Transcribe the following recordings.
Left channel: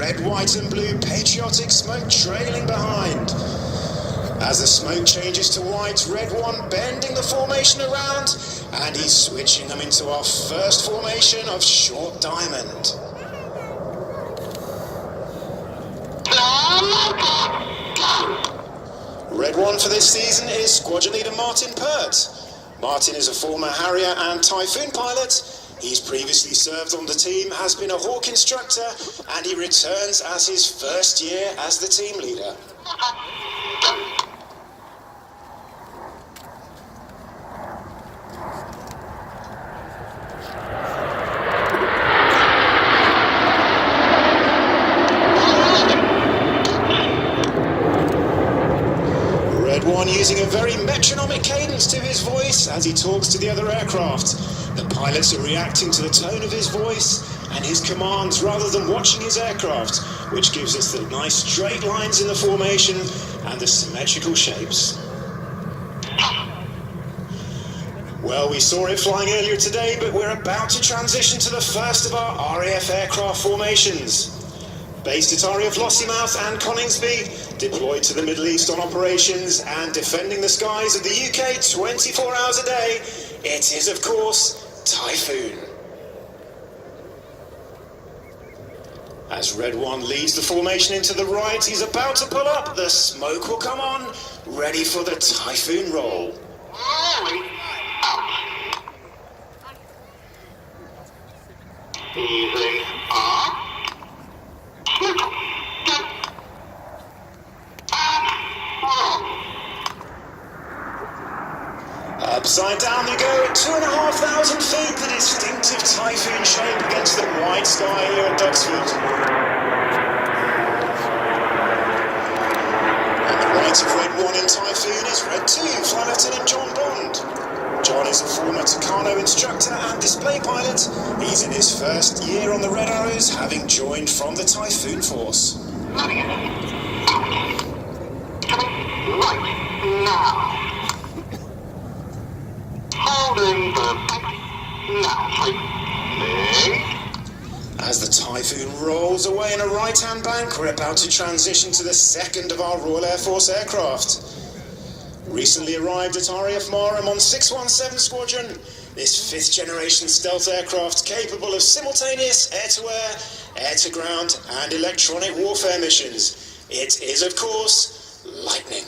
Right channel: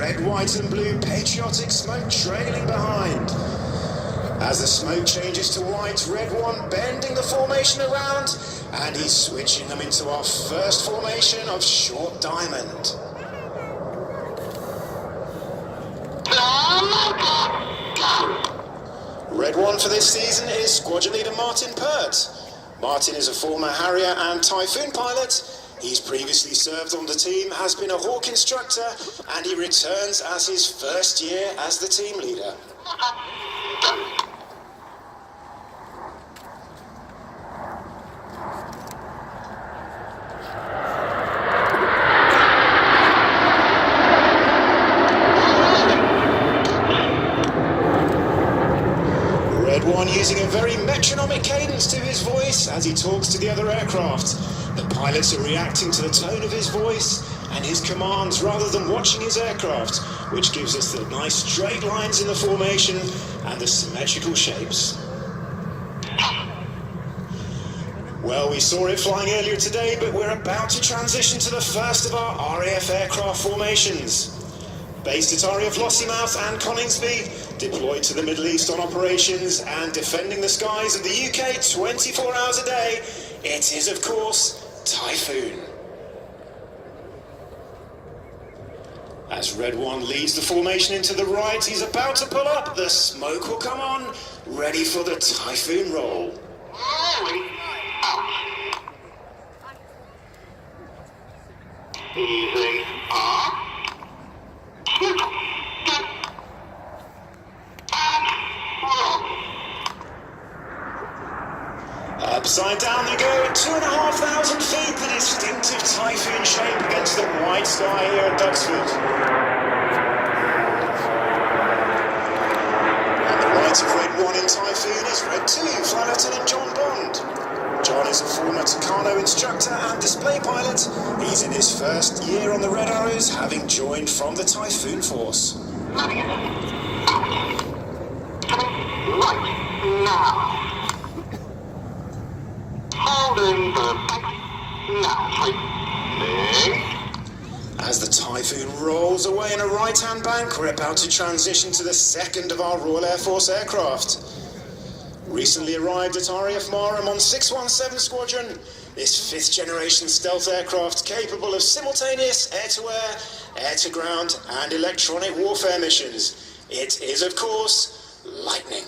red, white and blue patriotic smoke trailing behind. As the smoke changes to white, red one bending the formation around, and he's switching them into our first formation of short diamond. Red one for this season is squadron leader Martin Pert. Martin is a former Harrier and Typhoon pilot. He's previously served on the team, has been a Hawk instructor, and he returns as his first year as the team leader. Using a very metronomic cadence to his voice as he talks to the other aircraft. The pilots are reacting to the tone of his voice and his commands rather than watching his aircraft, which gives us the nice straight lines in the formation and the symmetrical shapes. Well, we saw it flying earlier today, but we're about to transition to the first of our RAF aircraft formations. Based at RAF Lossiemouth and Coningsby, deployed to the Middle East on operations and defending the skies of the UK 24 hours a day, it is, of course, Typhoon. As Red One leads the formation into the right, he's about to pull up. The smoke will come on, ready for the Typhoon roll. Easy up. Upside down they go at 2,500 feet, the distinctive Typhoon shape against the white sky here at Duxford. On the right of Red 1 in Typhoon is Red 2, Flight Lieutenant John Bond. John is a former Tucano instructor and display pilot. He's in his first year on the Red Arrows, having joined from the Typhoon Force. Coming right now. Holding the back. Now, tight. As the Typhoon rolls away in a right-hand bank, we're about to transition to the second of our Royal Air Force aircraft. Recently arrived at RAF Marham on 617 Squadron, this fifth-generation stealth aircraft capable of simultaneous air-to-air, air-to-ground and electronic warfare missions. It is, of course, Lightning.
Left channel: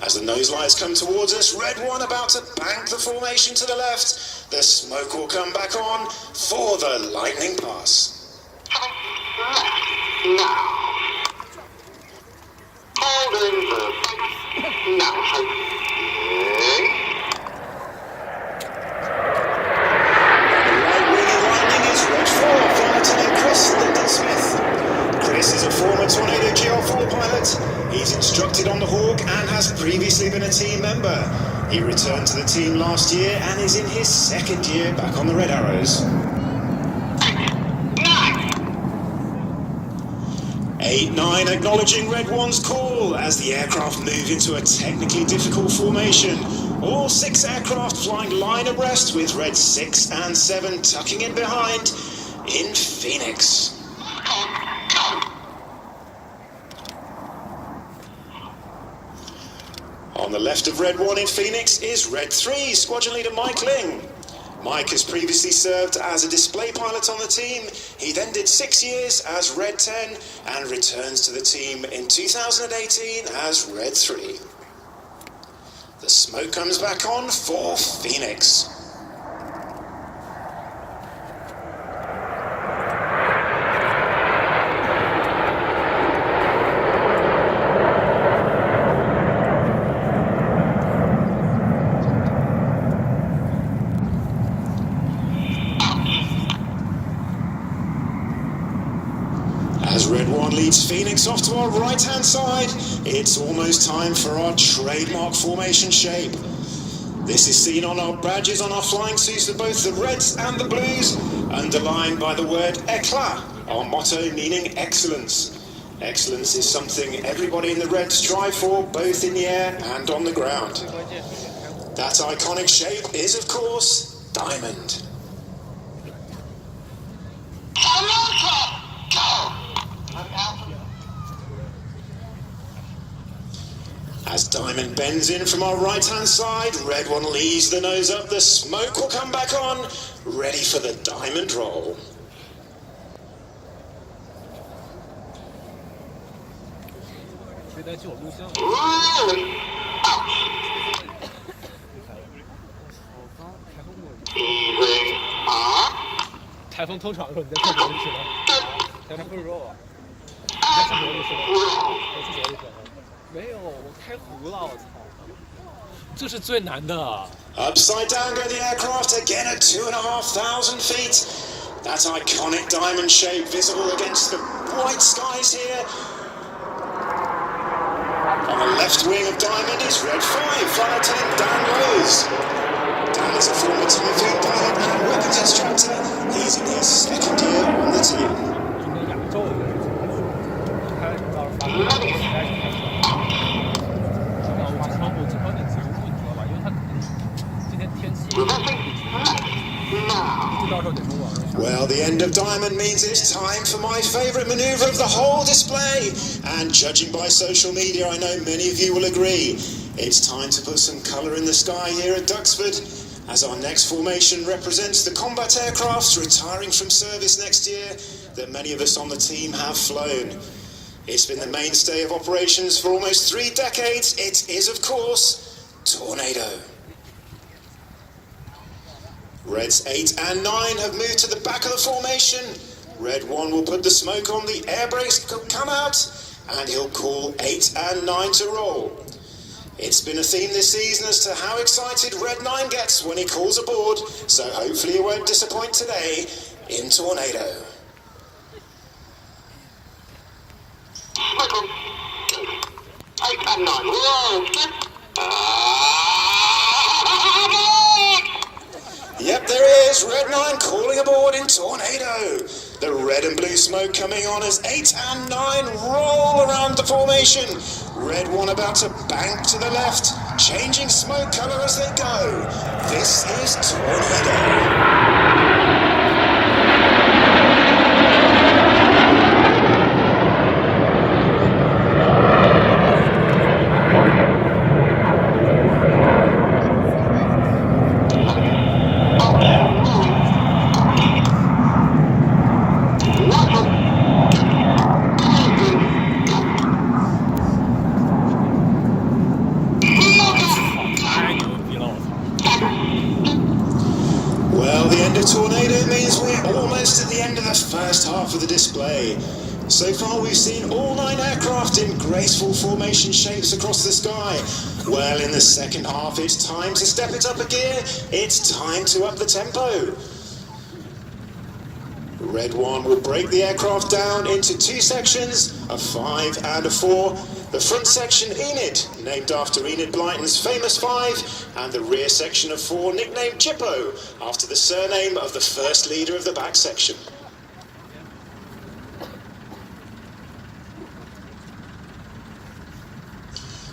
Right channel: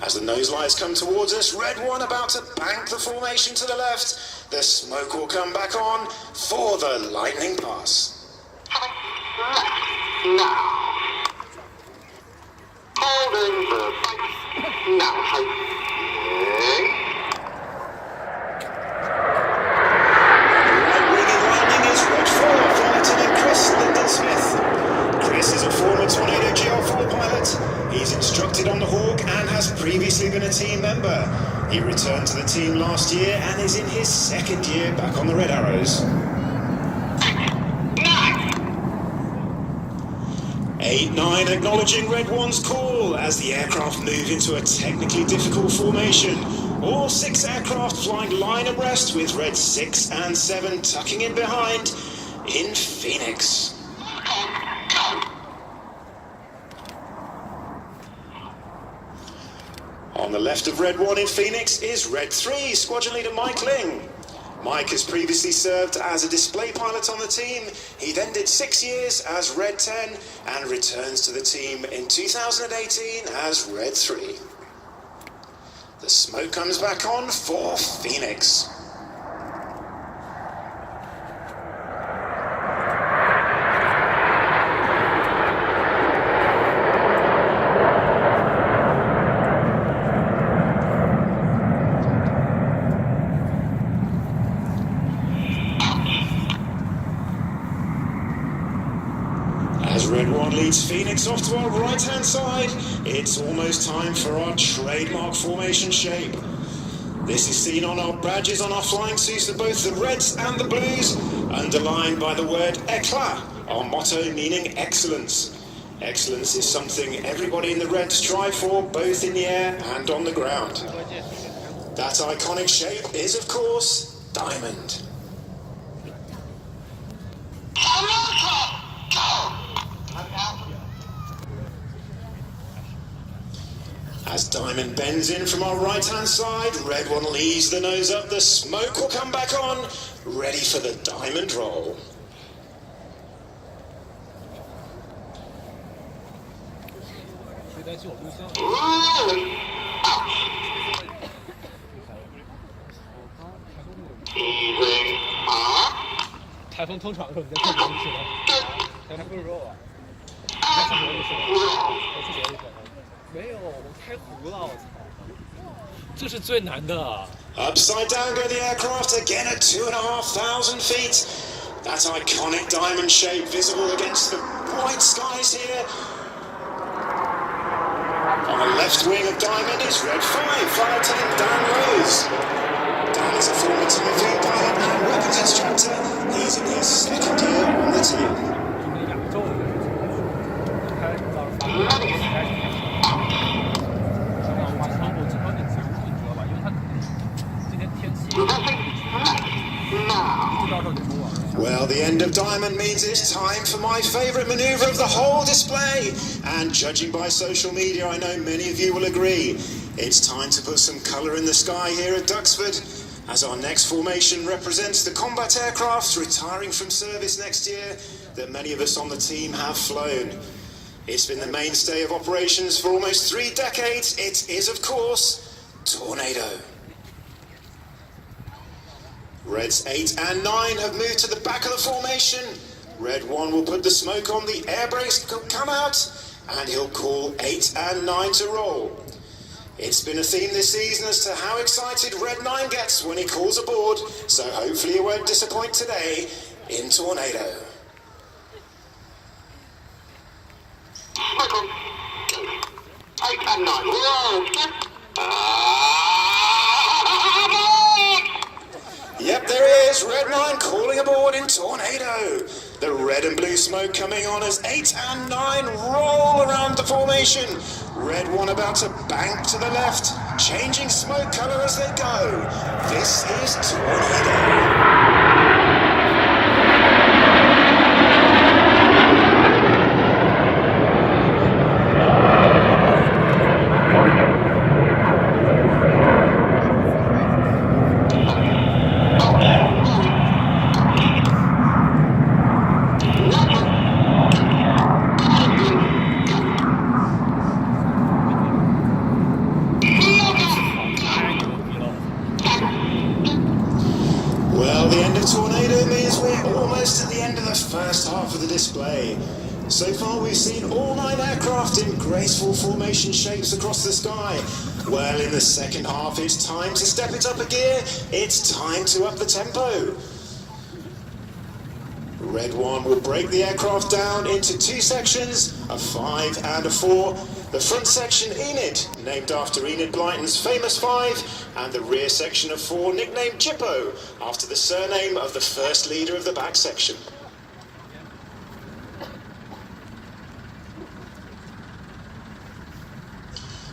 As the nose lights come towards us, Red 1 about to bank the formation to the left. The smoke will come back on for the Lightning pass. Now. Holding the back. Now, tight. Right wing in landing is Red 4, Flight Lieutenant Chris Linden-Smith. Chris is a former Tornado GR4 pilot. He's instructed on the Hawk and has previously been a team member. He returned to the team last year and is in his second year back on the Red Arrows. 8-9 acknowledging Red 1's call as the aircraft move into a technically difficult formation. All 6 aircraft flying line abreast with Red 6 and 7 tucking in behind in Phoenix. On the left of Red 1 in Phoenix is Red 3, Squadron Leader Mike Ling. Mike has previously served as a display pilot on the team. He then did 6 years as Red 10 and returns to the team in 2018 as Red 3. The smoke comes back on for Phoenix. As Red 1 leads Phoenix off to our right-hand side, it's almost time for our trademark formation shape. This is seen on our badges on our flying suits of both the reds and the blues, underlined by the word éclat, our motto meaning excellence. Excellence is something everybody in the Reds strive for, both in the air and on the ground. That iconic shape is, of course, Diamond. As Diamond bends in from our right-hand side, Red One leaves the nose up, the smoke will come back on, ready for the Diamond roll. Easy. 台风通场的时候，你在厕所里是吧？台风不是说你在厕所里是吧？我厕所里是吧？没有，我开壶了，我操！这是最难的。Upside down go the aircraft again at 2,500 feet. That iconic diamond shape visible against the bright skies here. On the left wing of Diamond is Red 5, flight attendant Dan Rose. Dan is a former TV pilot and weapons instructor. He's in his second year on the team. Well, the end of Diamond means it's time for my favourite manoeuvre of the whole display. And judging by social media, I know many of you will agree. It's time to put some colour in the sky here at Duxford, as our next formation represents the combat aircrafts retiring from service next year that many of us on the team have flown. It's been the mainstay of operations for almost 3 decades. It is, of course, Tornado. Reds 8 and 9 have moved to the back of the formation. Red 1 will put the smoke on, the air brakes will come out, and he'll call 8 and 9 to roll. It's been a theme this season as to how excited Red 9 gets when he calls aboard, so hopefully he won't disappoint today in Tornado. Welcome. 8 and 9. Roll. Yep, there is Red 9 calling aboard in Tornado. The red and blue smoke coming on as 8 and 9 roll around the formation. Red 1 about to bank to the left, changing smoke colour as they go. This is Tornado. Tornado means we're almost at the end of the first half of the display. So far we've seen all 9 aircraft in graceful formation shapes across the sky. Well, in the second half it's time to step it up a gear. It's time to up the tempo. Red 1 will break the aircraft down into 2 sections, a 5 and a 4. The front section Enid, named after Enid Blyton's famous 5, and the rear section of 4, nicknamed Chippo, after the surname of the first leader of the back section.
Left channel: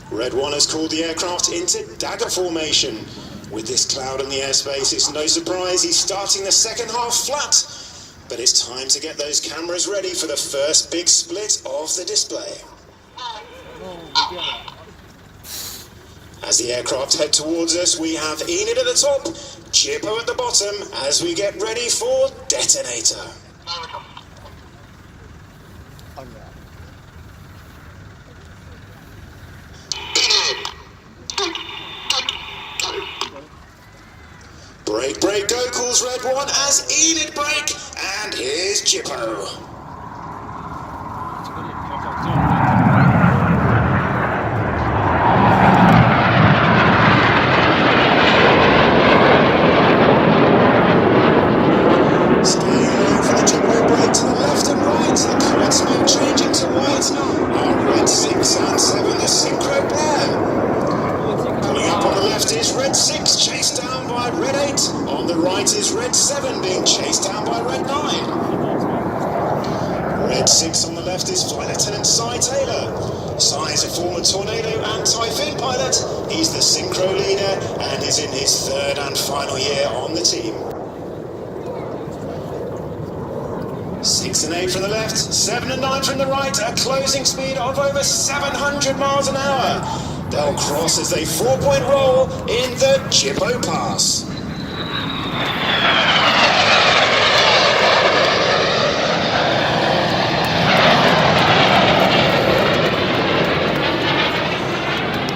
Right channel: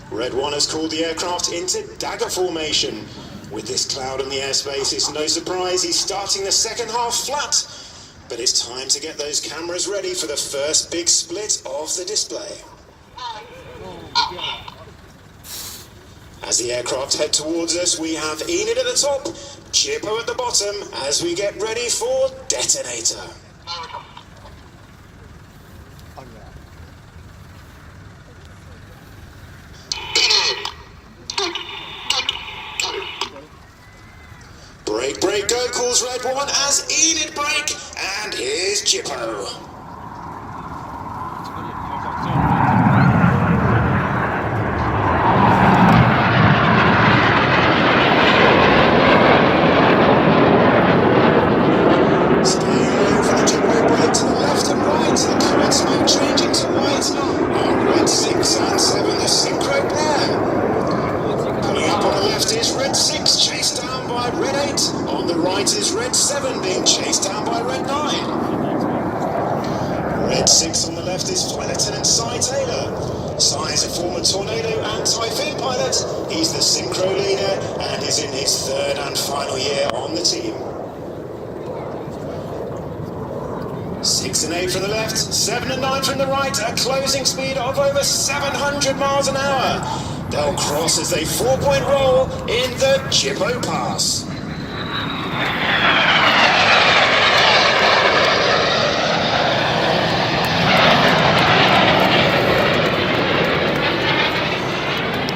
Red 1 has called the aircraft into dagger formation. With this cloud in the airspace, it's no surprise he's starting the second half flat. But it's time to get those cameras ready for the first big split of the display. As the aircraft head towards us, we have Enid at the top, Chippo at the bottom, as we get ready for detonator. Break, break, go, calls Red 1 as Enid break, and here's Chippo. Red 6 on the left is Flight Lieutenant Cy Taylor. Cy is a former Tornado and Typhoon pilot. He's the synchro leader and is in his third and final year on the team. 6 and 8 from the left, 7 and 9 from the right, a closing speed of over 700 miles an hour. They'll cross as they 4-point roll in the Jippo Pass.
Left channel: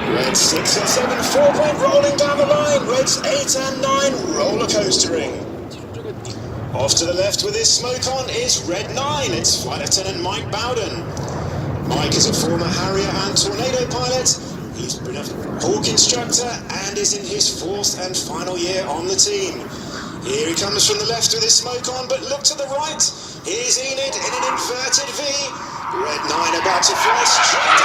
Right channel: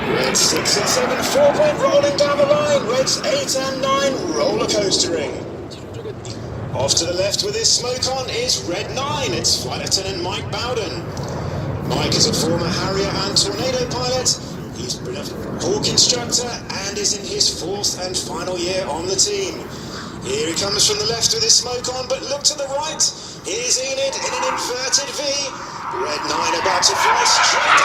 Reds 6 and 7, 4-point rolling down the line. Reds 8 and 9 roller coastering. Off to the left with his smoke on is Red 9. It's Flight Lieutenant Mike Bowden. Mike is a former Harrier and Tornado pilot. He's been a Hawk instructor and is in his fourth and final year on the team. Here he comes from the left with his smoke on, but look to the right. Here's Enid in an inverted V. Red 9 about to fly straight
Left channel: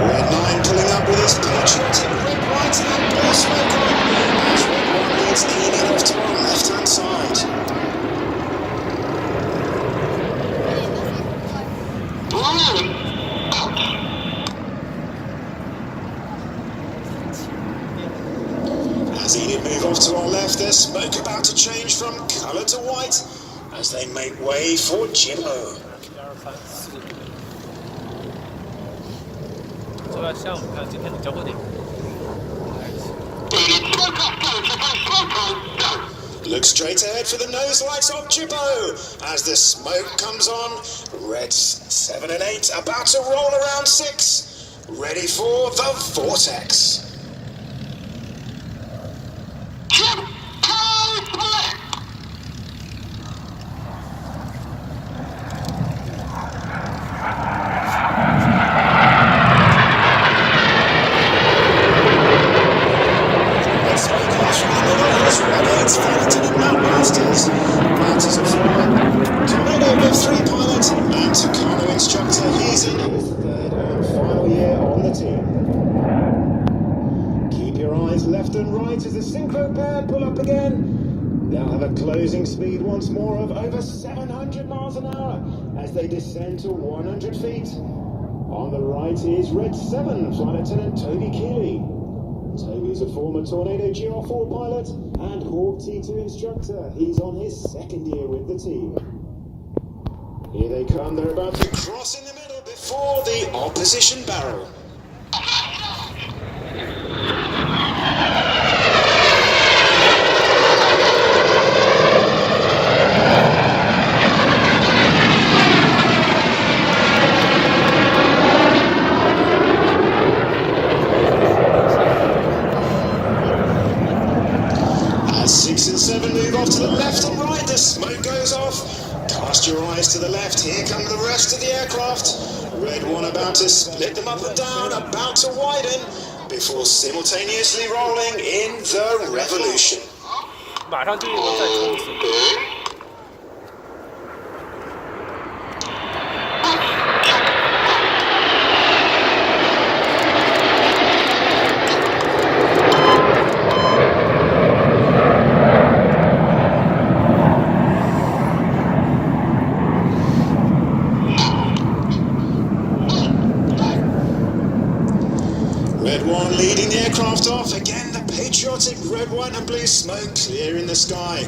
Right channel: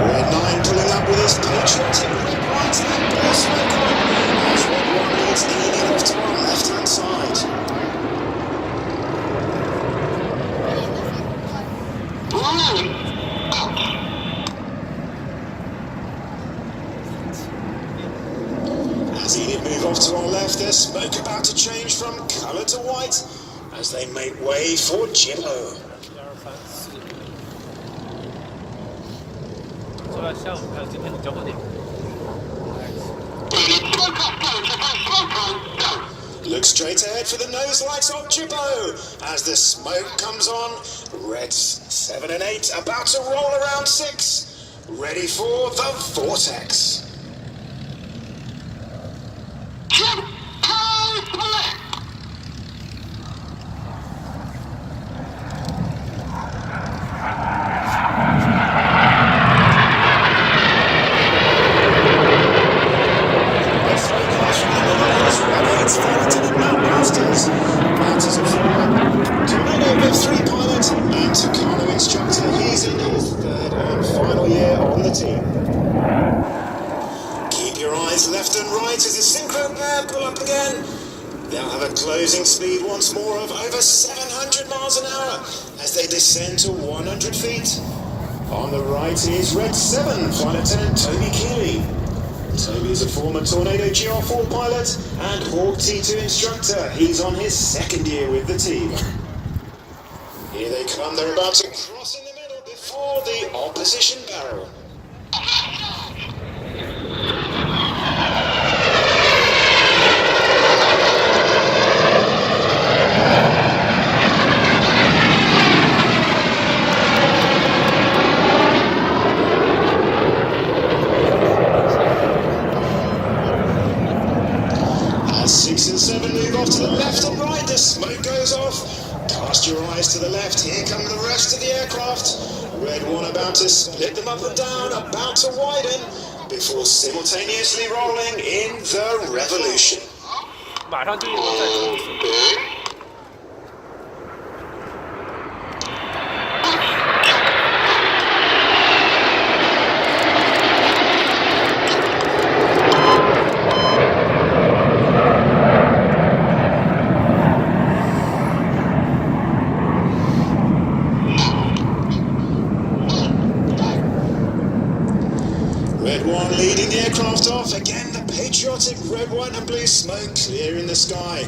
Red 9 pulling up with his patriotic red lights and blue smoke on as Red 1 leads Enid off to our left-hand side. As Enid move off to our left, there's smoke about to change from colour to white as they make way for Jippo. 这个下午还有今天的交会点。 Look straight ahead for the nose lights of Jippo as the smoke comes on. Reds 7 and 8 about to roll around 6, ready for the vortex. Left and right as the synchro pair pull up again. They'll have a closing speed once more of over 700 miles an hour as they descend to 100 feet. On the right is Red 7, Flight Lieutenant Toby Keeley. Toby is a former Tornado GR4 pilot and Hawk T2 instructor. He's on his second year with the team. Here they come, they're about to cross in the middle before the opposition barrel. Your eyes to the left, here come the rest of the aircraft. Red 1 about to split them up and down, about to widen, before simultaneously rolling in the revolution. 马上进入再冲刺。 Red 1 leading the aircraft off. Again, the patriotic red, white and blue smoke clear in the sky.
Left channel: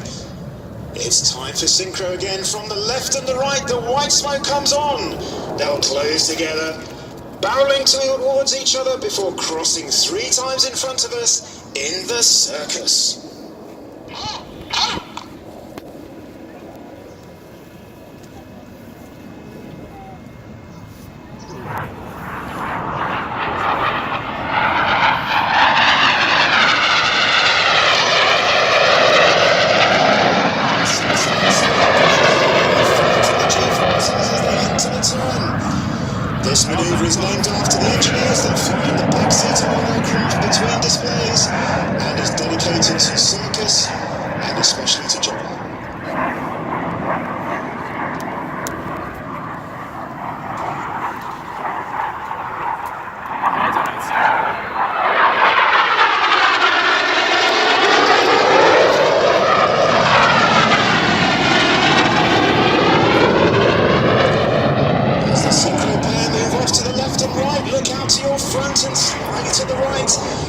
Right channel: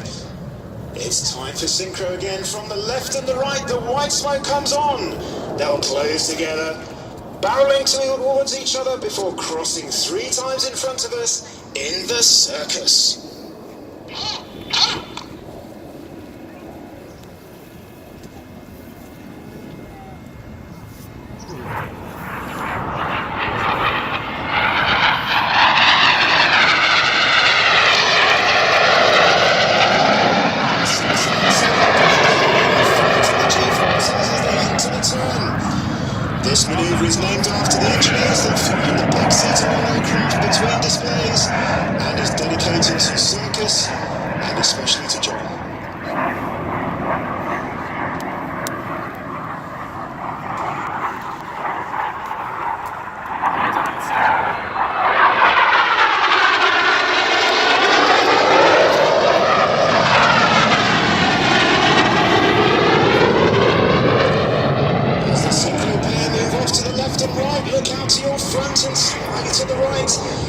It's time for synchro again. From the left and the right, the white smoke comes on. They'll close together, barreling towards each other before crossing 3 times in front of us in the circus. This manoeuvre is named after the engineers that fly in the back seat of our aircraft between displays and is dedicated to circus and especially to Japan.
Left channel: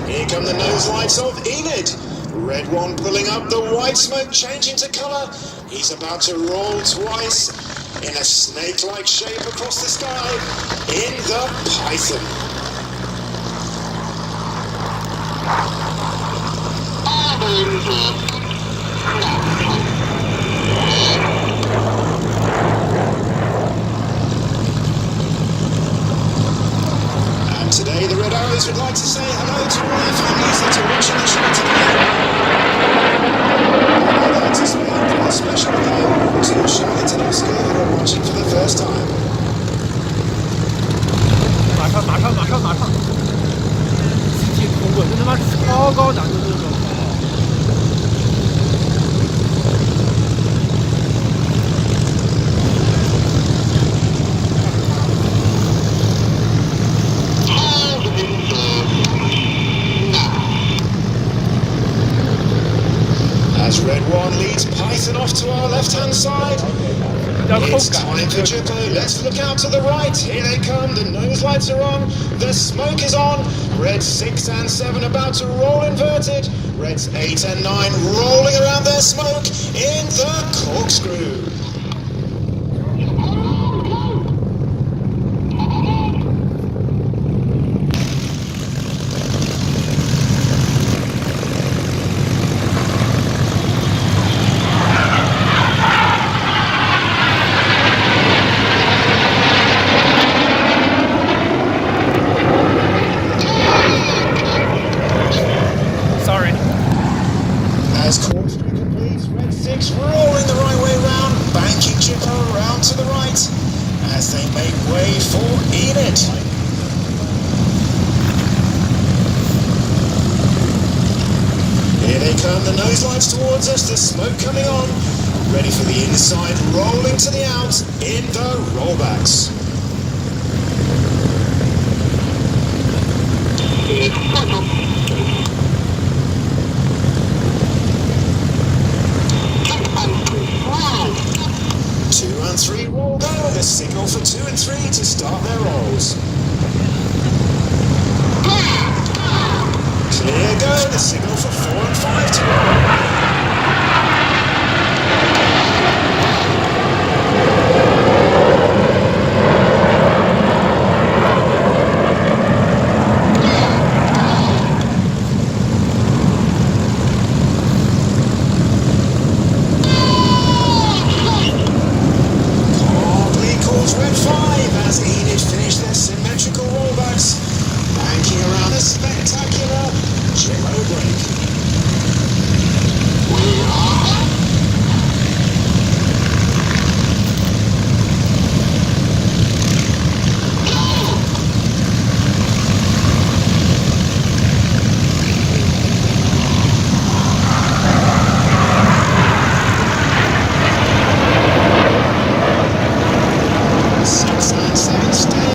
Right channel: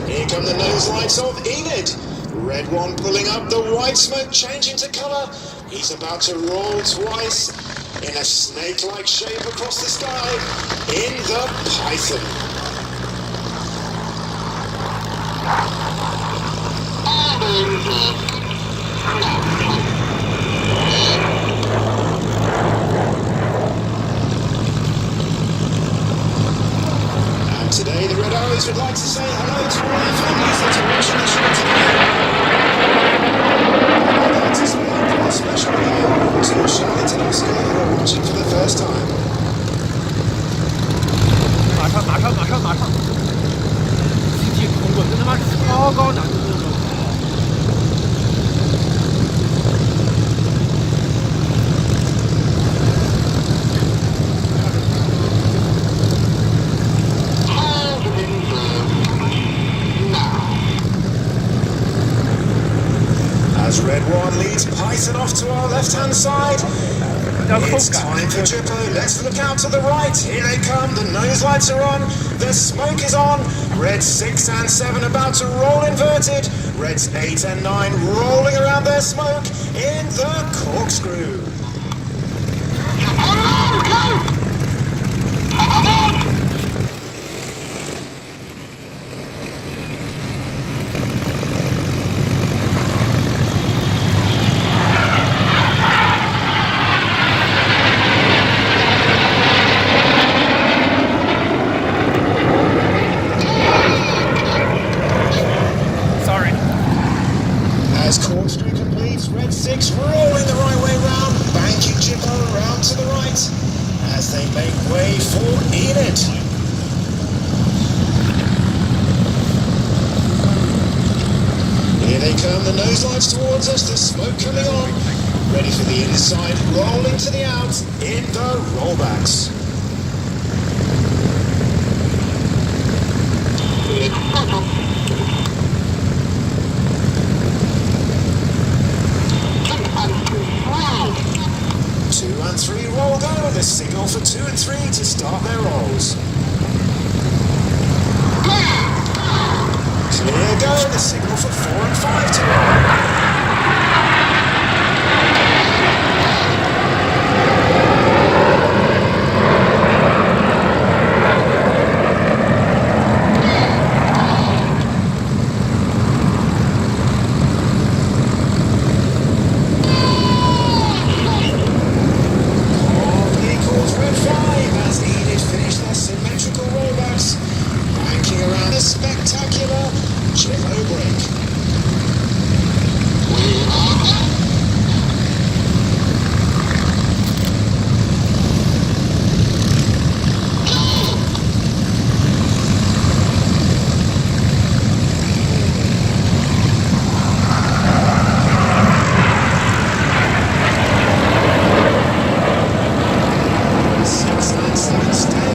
Here come the nose lights of Enid. Red one pulling up, the white smoke changing to colour. He's about to roll twice in a snake-like shape across the sky in the Python. And today the Red Arrows would like to say hello to all the families that are watching the show today. I'd like to say a special hello to Charlotte and Oscar who are watching for the first time. 马上！集体通过，这他妈超高难度这种。As Red One leads Python off to our left-hand side, it's time for Jippo. Let's look out to the right. Here they come. The nose lights are on. The smoke is on. Reds 6 and 7 about to roll inverted. Reds 8 and 9 rolling around their smoke in the corkscrew. As corkscrew completes, Red 6 rolling the right way round, banking Jippo round to the right as they make way for Enid. Here they come, the nose lights towards us, the smoke coming on, ready for the inside, rolling to the out in the rollbacks. Two and three roll go, the signal for 2 and 3 to start their rolls. Clear go, the signal for 4 and 5 to roll.